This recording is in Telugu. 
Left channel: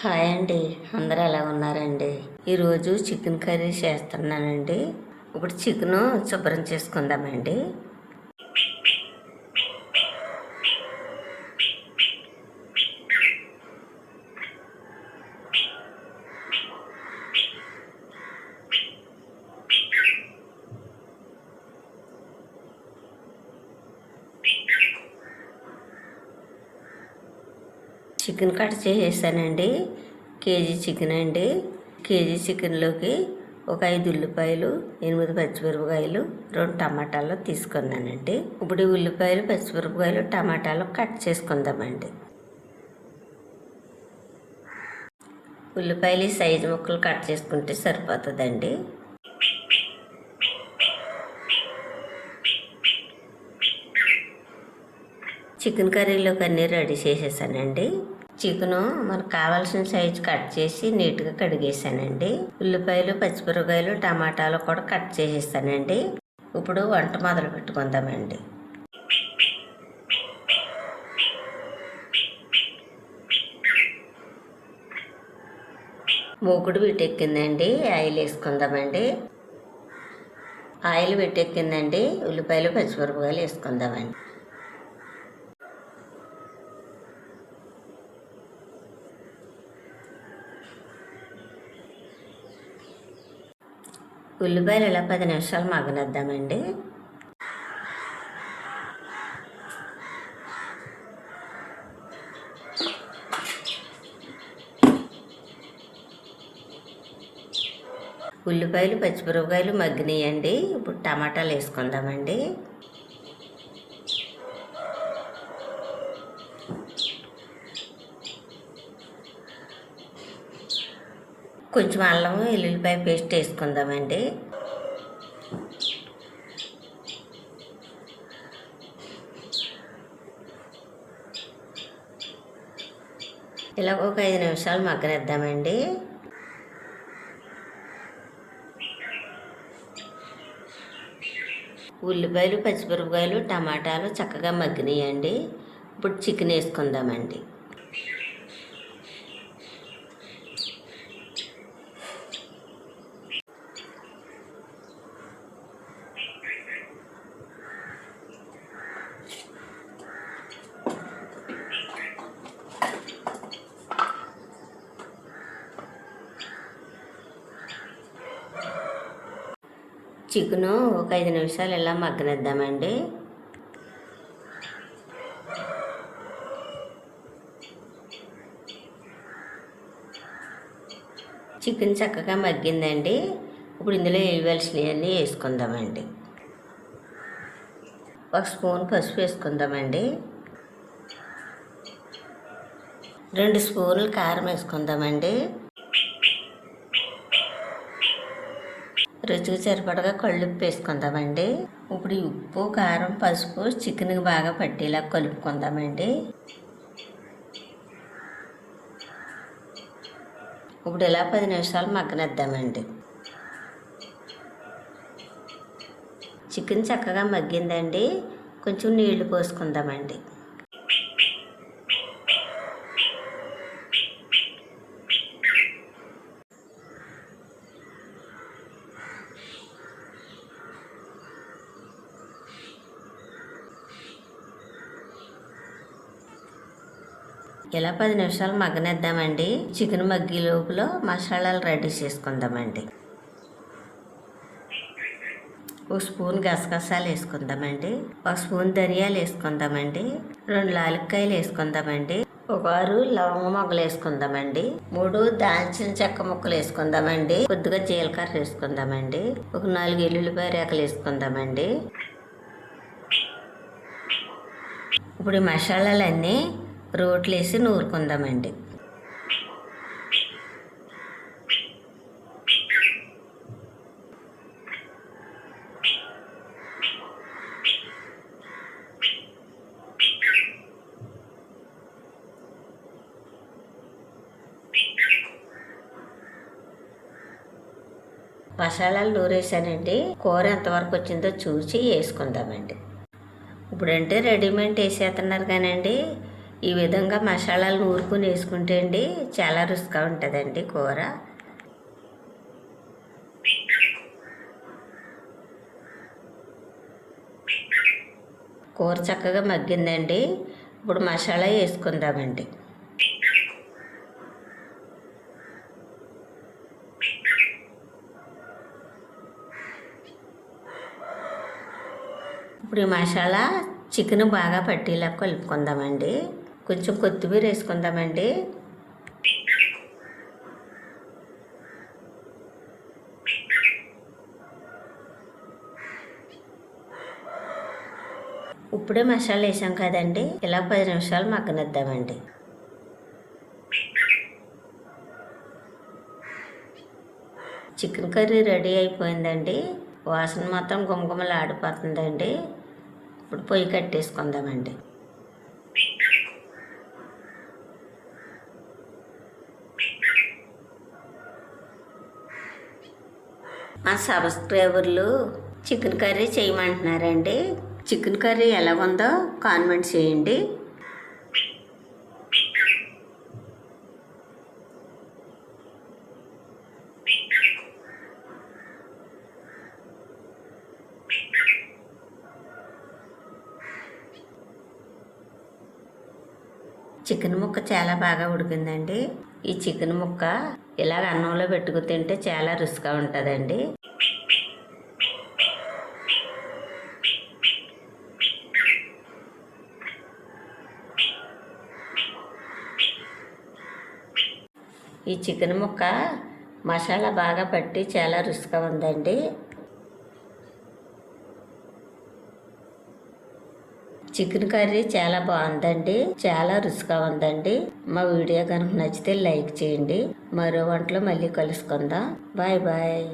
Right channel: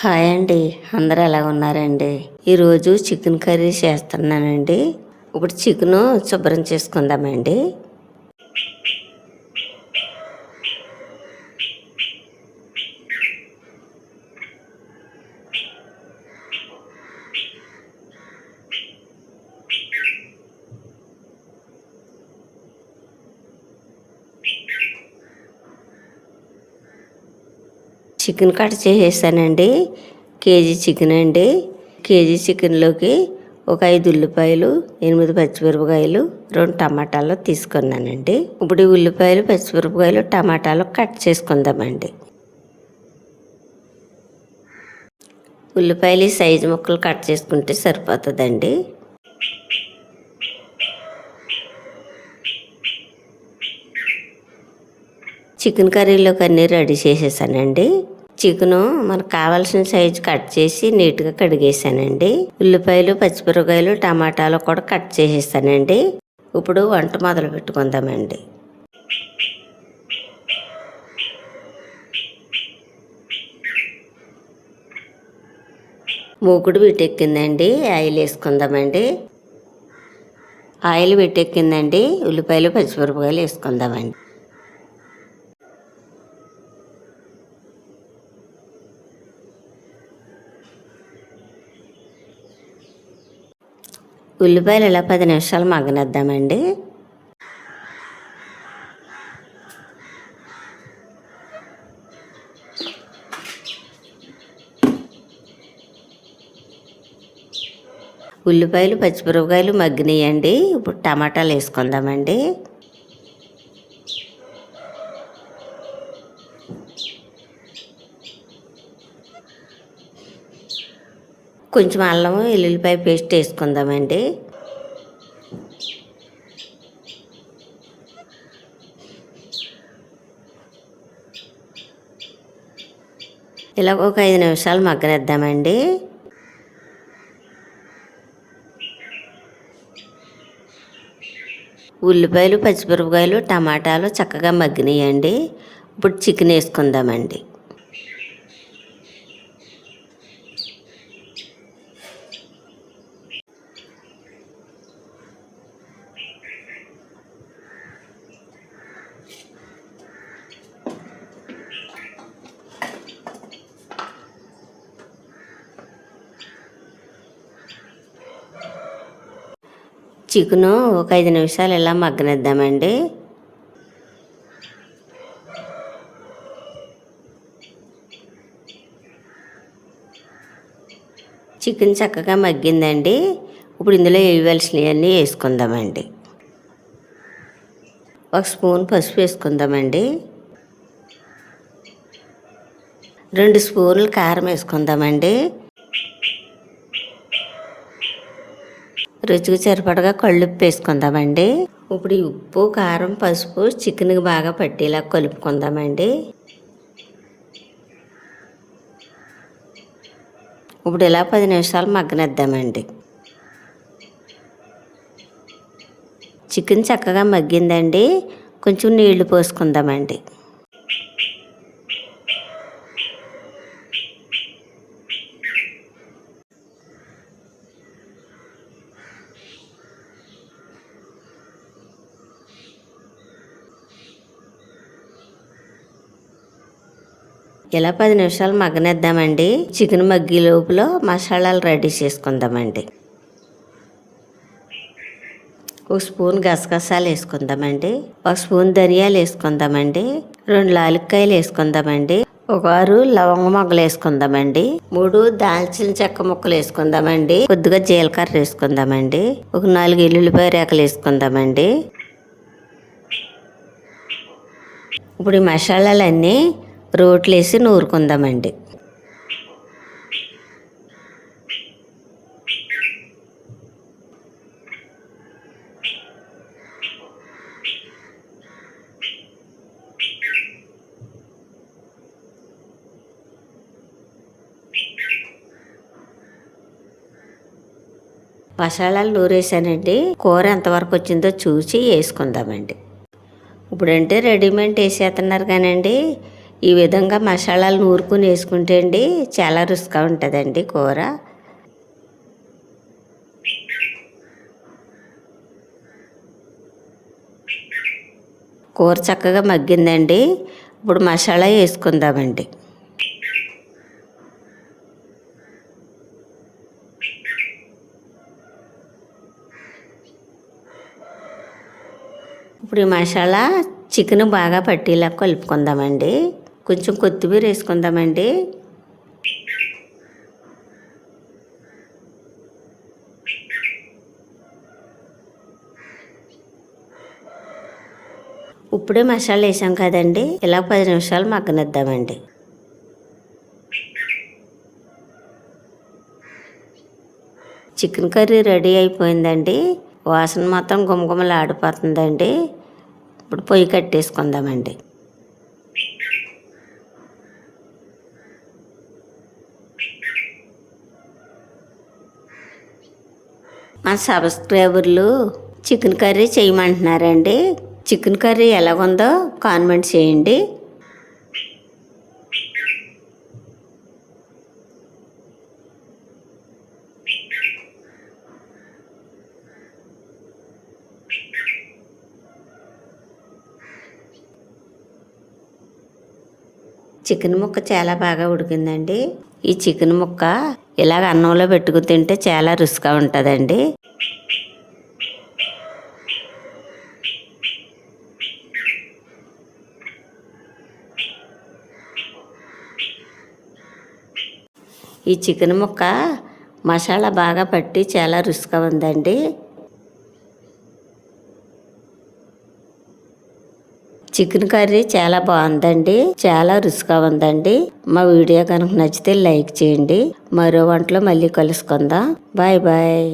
హాయ్ అండి. అందరూ ఎలా ఉన్నారండి? ఈరోజు చికెన్ కర్రీ చేస్తున్నానండి. ఇప్పుడు చికెన్ శుభ్రం చేసుకుందామండి. చికెన్ కట్ చేసేసానండి. కేజీ చికెన్ అండి. కేజీ చికెన్లోకి ఒక ఐదు ఉల్లిపాయలు ఎనిమిది పచ్చిమిరపకాయలు రెండు టమాటాలు తీసుకున్నానండి. ఇప్పుడు ఈ ఉల్లిపాయలు పచ్చిమిరపకాయలు టమాటాలు కట్ చేసుకుందామండి. ఉల్లిపాయలు ఈ సైజు ముక్కలు కట్ చేసుకుంటే సరిపోతుందండి. చికెన్ కర్రీలోకి అన్నీ రెడీ చేసేసానండి. చికెను మనకు కావాల్సిన సైజు కట్ చేసి నీట్గా కడిగేసానండి. ఉల్లిపాయలు పచ్చిమిరపకాయలు టమాటాలు కూడా కట్ చేసేసానండి. ఇప్పుడు వంట మొదలు పెట్టుకుందామండి. మూకుడు పెట్టెక్కిందండి. ఆయిల్ వేసుకుందామండి. ఆయిల్ పెట్టెక్కిందండి. ఉల్లిపాయలు పచ్చిమిరపకాయలు వేసుకుందామండి. ఉల్లిపాయలు ఇలా పది నిమిషాలు మగ్గనిద్దామండి? ఉల్లిపాయలు పచ్చిమిరపకాయలు మగ్గినాయండి. ఇప్పుడు టమాటాలు వేసుకుందామండి. కొంచెం అల్లం వెల్లుల్లిపాయ పేస్ట్ వేసుకుందామండి. ఇలా ఒక ఐదు నిమిషాలు మగ్గనిద్దామండి. ఉల్లిపాయలు పచ్చిమిరపకాయలు టమాటాలు చక్కగా మగ్గినాయండి. ఇప్పుడు చికెన్ వేసుకుందామండి. చికెను ఒక ఐదు నిమిషాలు ఇలా మగ్గనిద్దామండి. చికెన్ చక్కగా మగ్గిందండి. ఇప్పుడు ఇందులో వేయవలసినవన్నీ వేసుకుందామండి. ఒక స్పూన్ పసుపు వేసుకుందామండి. రెండు స్పూన్లు కారం వేసుకుందామండి. రుచికి సరిపడగా కళ్ళుప్పు వేసుకుందామండి ఇప్పుడు ఈ ఉప్పు కారం పసుపు చికెన్కి బాగా పట్టేలా కలుపుకుందామండి. ఇప్పుడు ఇలా పది నిమిషాలు మగ్గనిద్దామండి. చికెన్ చక్కగా మగ్గిందండి. కొంచెం నీళ్ళు పోసుకుందామండి. ఇలా పది నిమిషాలు మగ్గనిద్దామండి. చికెన్ మగ్గి లోపల మసాలాలు రెడీ చేసుకుందామండి. ఒక స్పూన్ గసగసాలు వేసుకుందామండి. ఒక స్పూన్ ధనియాలు వేసుకుందామండి. రెండు లాలిక్కాయలు వేసుకుందామండి. ఒక ఆరు లవంగ మొగ్గలు వేసుకుందామండి. మూడు దాల్చిన చెక్క ముక్కలు వేసుకుందామండి. కొద్దిగా జీలకర్ర వేసుకుందామండి. ఒక నాలుగు ఎల్లుల్లిపాయ రేకలు వేసుకుందామండి. ఇప్పుడు ఈ మసాలాలన్నీ రోట్లేసి నూరుకుందామండి. మసాలాలు నూరేసానండి. కూర ఎంతవరకు వచ్చిందో చూసి వేసుకుందామండి. ఇప్పుడంటే రెడీమేడ్ వేసేస్తున్నారు కానండి. ఈ విధంగా మసాలాలు నూరుకుని వేసుకుంటే అండి చాలా రుచిగా ఉంటుందండి కూర. కూర చక్కగా మగ్గిందండి. ఇప్పుడు మసాలా వేసుకుందామండి. ఇప్పుడు ఈ మసాలా చికెన్ బాగా పట్టేలా కలుపుకుందామండి. కొంచెం కొత్తిమీర వేసుకుందామండి. ఇప్పుడే మసాలా వేసాం కదండి. ఇలా పది నిమిషాలు మగ్గనిద్దామండి. చికెన్ కర్రీ రెడీ అయిపోయిందండి. వాసన మొత్తం గుమగుమలు ఆడిపోతుందండి ఇప్పుడు పొయ్యి కట్టేసుకుందామండి. మా సబ్స్క్రైబర్లు చికెన్ కర్రీ చేయమంటున్నారండి. చికెన్ కర్రీ ఎలా ఉందో కాన్మెంట్ చేయండి. చికెన్ ముక్క చాలా బాగా ఉడికిందండి. ఈ చికెన్ ముక్క ఇలాగ అన్నంలో పెట్టుకుని తింటే చాలా రుచిగా ఉంటుందండి. ఈ చికెన్ ముక్క మసాలా బాగా పట్టి చాలా రుచిగా ఉందండి. చికెన్ కర్రీ చాలా బాగుందండి చాలా రుచిగా ఉందండి. మా వీడియో కనుక నచ్చితే లైక్ చేయండి. మరో వంటలో మళ్ళీ కలుసుకుందాం. Bye bye.